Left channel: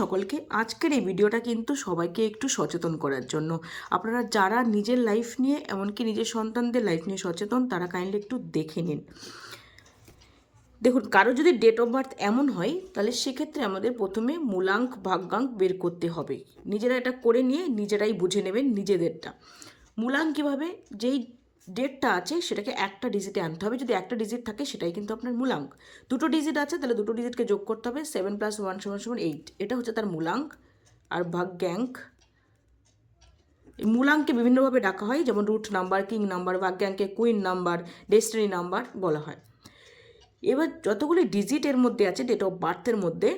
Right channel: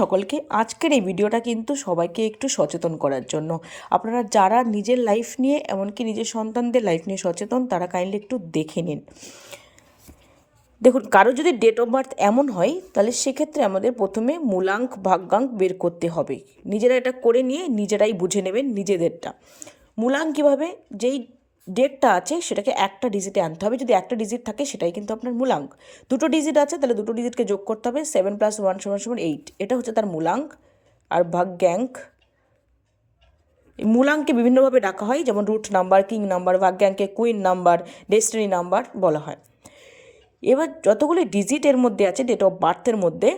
সকলকে আজকের এই ভিডিওটা কিন্তু সবাইকে একটু সচেতন করার জন্য। আপনারা যারা নিজের লাইফ নিয়ে এমনকি নিজের সন্তানদের লাইফ নিয়ে সচেতন তারা কাইন্ডলি একটু দেখে নিন। দেখুন, কারো যদি ডেট অফ বার্থ এমন হয় তাহলে সেক্ষেত্রে আমাদের প্রথমে মূলাঙ্ক ভাগ্যাঙ্ক বের করতে হবে। নিজেরা এটা করে নিয়ে নিজেরাই বুঝে নেবেন নিজেদেরটা। মূলাঙ্ক কীভাবে, যেই ডেটটা আছে সেটাকে একটা ডিজিটে আনতে হবে। যদি একটা ডিজিট থাকে সেটাই কিন্তু আপনার মূলাঙ্ক। দুটো ডিজিট আছে তাহলে দুটো ডিজিটকে যোগ করতে হবে। 7 + 1 = 8, এটা হচ্ছে তার মূলাঙ্ক। আর ভাগ্যাঙ্ক, মূলাঙ্ককে বিভিন্নভাবে ডাকা হয়, যেমন রুট নাম্বার, কিং নাম্বার, ভাগ্যাঙ্কে কুইন নাম্বার, ডেস্টিনি নাম্বার বলা হয়। এবার যতগুলি ডিজিট এর মধ্যে আছে ডেট অফ বার্থের মধ্যে,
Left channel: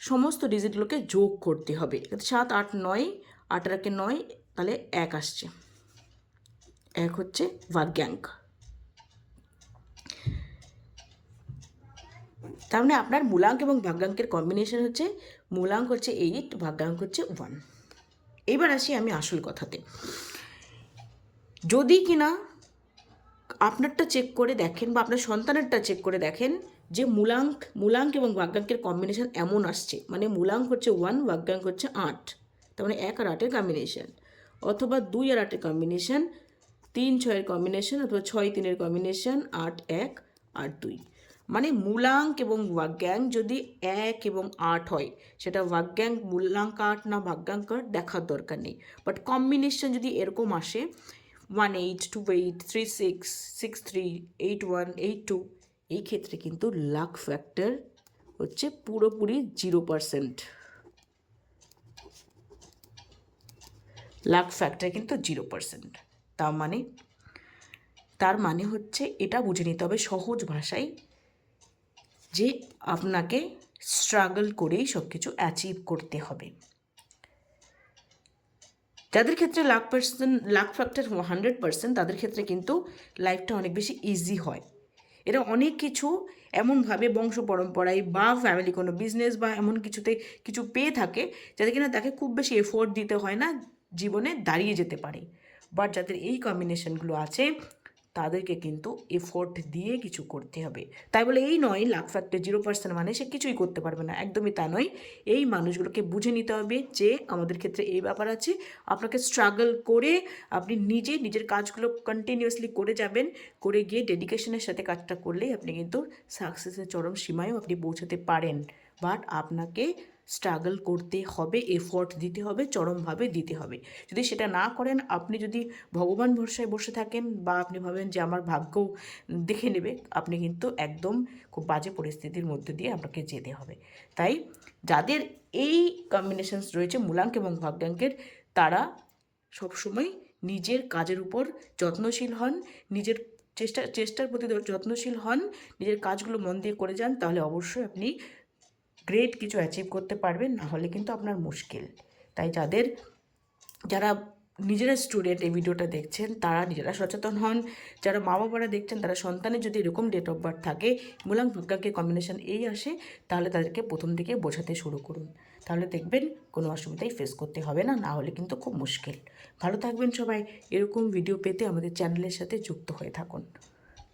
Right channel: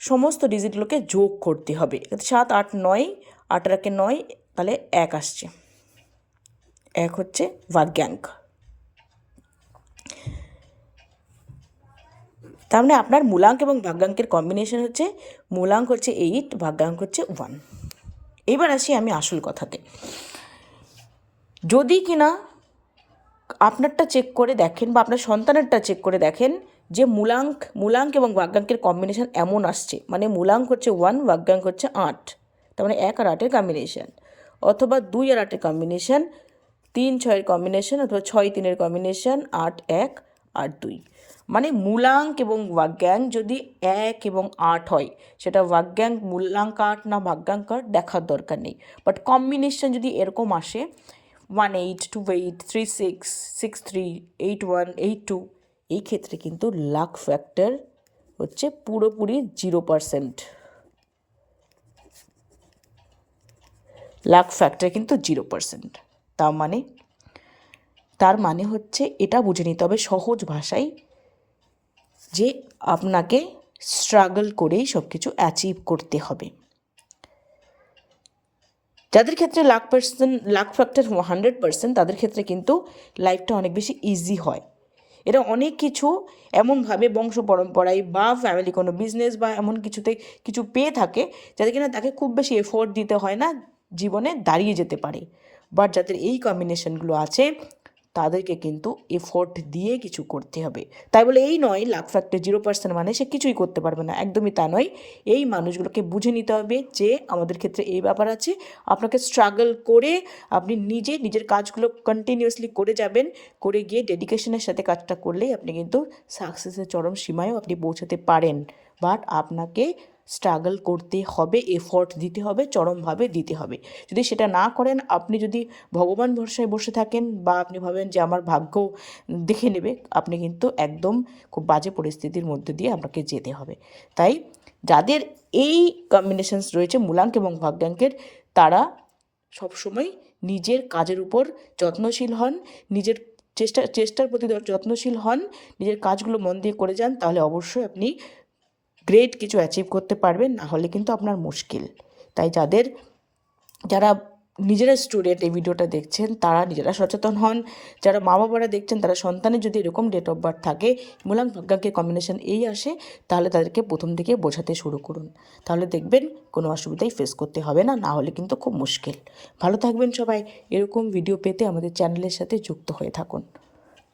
সমস্ত ডিজিটগুলোকে যোগ করতে হবে। 7, 8, 9, 8 আর 1 9, তাহলে 1 আসছে। 1 হচ্ছে ভাগ্যাঙ্ক। তার মানে আপনার মূলাঙ্ক এবং ভাগ্যাঙ্কের কম্বিনেশন হচ্ছে, মূলাঙ্ক হচ্ছে 8, ভাগ্যাঙ্ক হচ্ছে 1। এবার আসি আমি আসল কথাতে। যদি কিনা আপনারটা চেক করে দেখেন বা আপনার সন্তানেরটা চেক করে দেখেন যে মূলাঙ্ক এবং ভাগ্যাঙ্কের কম্বিনেশন এমন আসছে, মানে মূলাঙ্ক হচ্ছে 1, ভাগ্যাঙ্ক হচ্ছে 8, তার মানে 1 আর 8-এর কম্বিনেশন, অথবা 2 আর 8-এর কম্বিনেশন, 3 6-এর কম্বিনেশন, অথবা 6 3-এর কম্বিনেশন, 8 1 8 2। মানে মূলাঙ্ক এবং ভাগ্যাঙ্ক যদি 1 এবং 8 হয়, সেটা ভাগ্যাঙ্ক মূলাঙ্ক 8 না ভাগ্যাঙ্ক 8 দেখার দরকার নেই। বাট কম্বিনেশন যদি এরকম আসে 1 8 2 8 3 6 6 3 8 1 8 2, এই ক্ষেত্রে কিন্তু লাক ফ্যাক্টর হচ্ছে পুরোপুরি 0%। লাক ফ্যাক্টর কিন্তু 0%। তার মানে হচ্ছে এটা বুঝে নিতে হবে সহজ ভাষায় যে আপনাকে স্ট্রাগল করেই সব কিছু অ্যাচিভ করতে হবে। যাদের ক্ষেত্রে লাক ফ্যাক্টর 100%, তাদের ক্ষেত্রে কিন্তু লাইফটা অনেক বেশি ইজি হয়। এটা অনেক কিছু এমনভাবে বংশ পরম্পরায় বা ফ্যামিলি কোনো বিজনেস বা এমন কিছুতে কিছু পেয়ে থাকে যাতে কিনা তাকে খুব বেশি এফোর্ট দিতে হয় না, জীবনে দাঁড়িয়ে যেতে পারে। বাট যাদের এই কম্বিনেশনগুলো আছে তাদেরকে কিন্তু এফোর্ট দিয়ে কিছু করতে হবে। তাই বলে এই নয় লাক ফ্যাক্টর 0% মানে সে কিছুই করতে পারবে না, একদমই তা নয়। এই মানুষগুলোকে বুঝে নিতে হবে যে আমাদের ক্ষেত্রে এই ব্যাপার আছে। আপনাকে স্ট্রাগল করে আপনি নিজের কাজগুলো কন্টিনিউয়াসলি করে যাবেন, করে গিয়ে ডেডিকেশনের সাথে কাজটা করলেই আপনি কিন্তু সাকসেসের চরম সীমায়ও আপনি পৌঁছাতে পারেন। বাট আপনাকে স্ট্রাগল করতে হবে, এফোর্ট দিতে হবে, চরমভাবে দিতে হবে। যদি সেটা না করেন, আপনি যদি ভগবান ভরসায় বসে থাকেন বা আপনি ভাবেন যে আমার ভাগ্য দেখে নেবে, আপনি কিন্তু একদম খুব বাজে পরিস্থিতির মধ্যে দিয়ে আপনাকে যেতে হবে। তাই যাদের এই কম্বিনেশনস রয়েছে মূলাঙ্ক এবং ভাগ্যাঙ্কের, তারা সবসময় নিজের কাজের উপর যত্নশীল হন, নিজের চেষ্টার প্রতি যত্নশীল হন, নিজের কাজগুলো মন দিয়ে করে যান, তাহলে অবশ্যই আপনি গ্রেট কিছু অ্যাচিভ করতে পারবেন, না হলে কিন্তু আপনার মুশকিল। তাই যারা নিজেরা স্টুডেন্ট এই ভিডিওটা দেখছেন তারা নিজেরা সচেতন হন। যারা মা বাবারা দেখছেন তারা সন্তানের যদি এরকম ডেট অফ বার্থ থাকে, মূলাঙ্ক ভাগ্যাঙ্কের কম্বিনেশন এই আসে, তাহলে তাদেরকে প্রথম থেকে বোঝাতে শুরু করুন। তাহলে দেখবেন কোনো অসুবিধাই ফেস করতে হবে না, না হলে কিন্তু খুব মুশকিল। ভালো থাকবেন সবাই। এরকম ভিডিও পেতে আমাদের চ্যানেলের সাথে যুক্ত হয়ে থাকুন।